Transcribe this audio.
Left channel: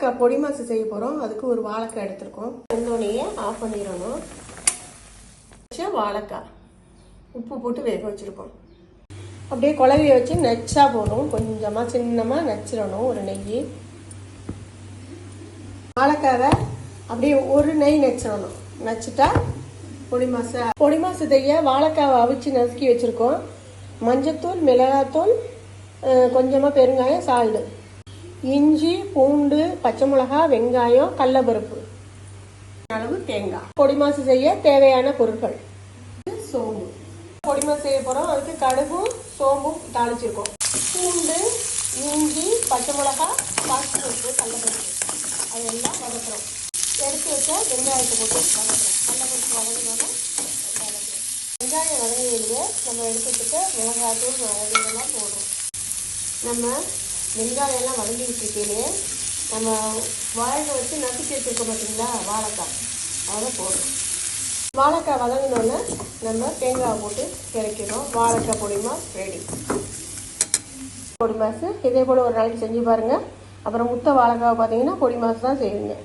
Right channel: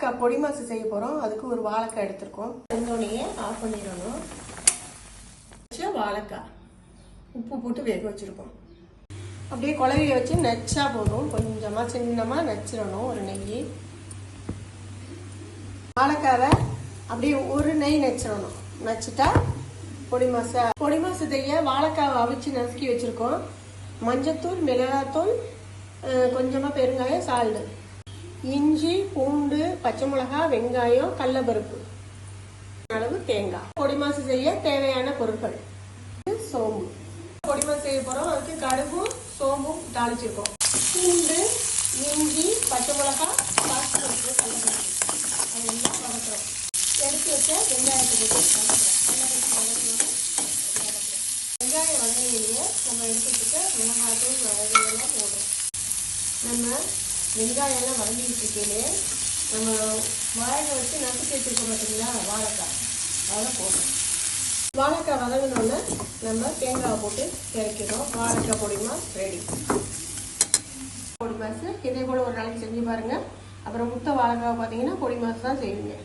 வாழைக்காய் பொடி மாசு செய்ய போகிறோம் அதுக்கு ஒரு வாழைக்காய் எடுத்திருக்கோம். வெந்தோடனே ஆஃப் பண்ணிடணும். வாழைக்காய் உப்பு போட்டு வேக வச்சுருக்கோம் அப்படியே குழவிய வச்சு நச்சா போதும். கொஞ்சமாக சின்னமாக நச்சிடணும். ஒரு நெய். வாழைக்காவை அப்படியே ஒரு நெய் நச்சிடணும். நச்சுட்டா பொடி மாசை. பொடி மாசு செய்ய வாழைக்காவை அவிச்சு நசுக்கி வச்சுருக்கோம். மஞ்சத்தூள் மிளகாத்தூள் கொஞ்சமா கொஞ்சமாக பெருங்காயம் சால்டு இஞ்சி பூண்டு பச்சை மிளகாய் வெங்காயம் கடலப்பருப்பு. அளவு தேங்காய். பொடிமாசு செய்ய தேவையான பொருட்கள். சோம்பு. பொடிமாசு செய்ய போறோம். அதுக்கு கடுகும் சோம்பும் தாளிச்சிருக்கோம் பூண்டு இஞ்சி பச்சை மிளகாய் பாசிப்பருப்பு கடலப்பருப்பு அதெல்லாம் வதக்குறோம். எடுத்து வச்ச வெங்காயத்தை போட்டு வதக்குறோம். வெங்காயம் வதங்கிங்க நம்ம எடுத்துக்கிட்டு மிளகாய்த்தூள் வதங்கியெல்லாம் போடுறோம் நம்ம வெங்காயம் எல்லாம் வதங்கி நம்ம வாழை வச்சு நசுக்கி வச்சுருக்கோம் பார்த்தீங்களா வாழைக்காய். அதெல்லாம் போடும் வாழைக்காய் வதங்கினோடனே நம்ம தேங்காய் போட்டு கிடைக்கிறோம் வாழைக்காய் பொடிமா ரெடி பொடி மாசு இதே போல் ஒரு நாளைக்கு செஞ்சு பாருங்கள் அப்புறம் முத்த வாழைக்காய் பார்த்தீங்கன்னா பொடி மாசு தான் செய்வீங்க.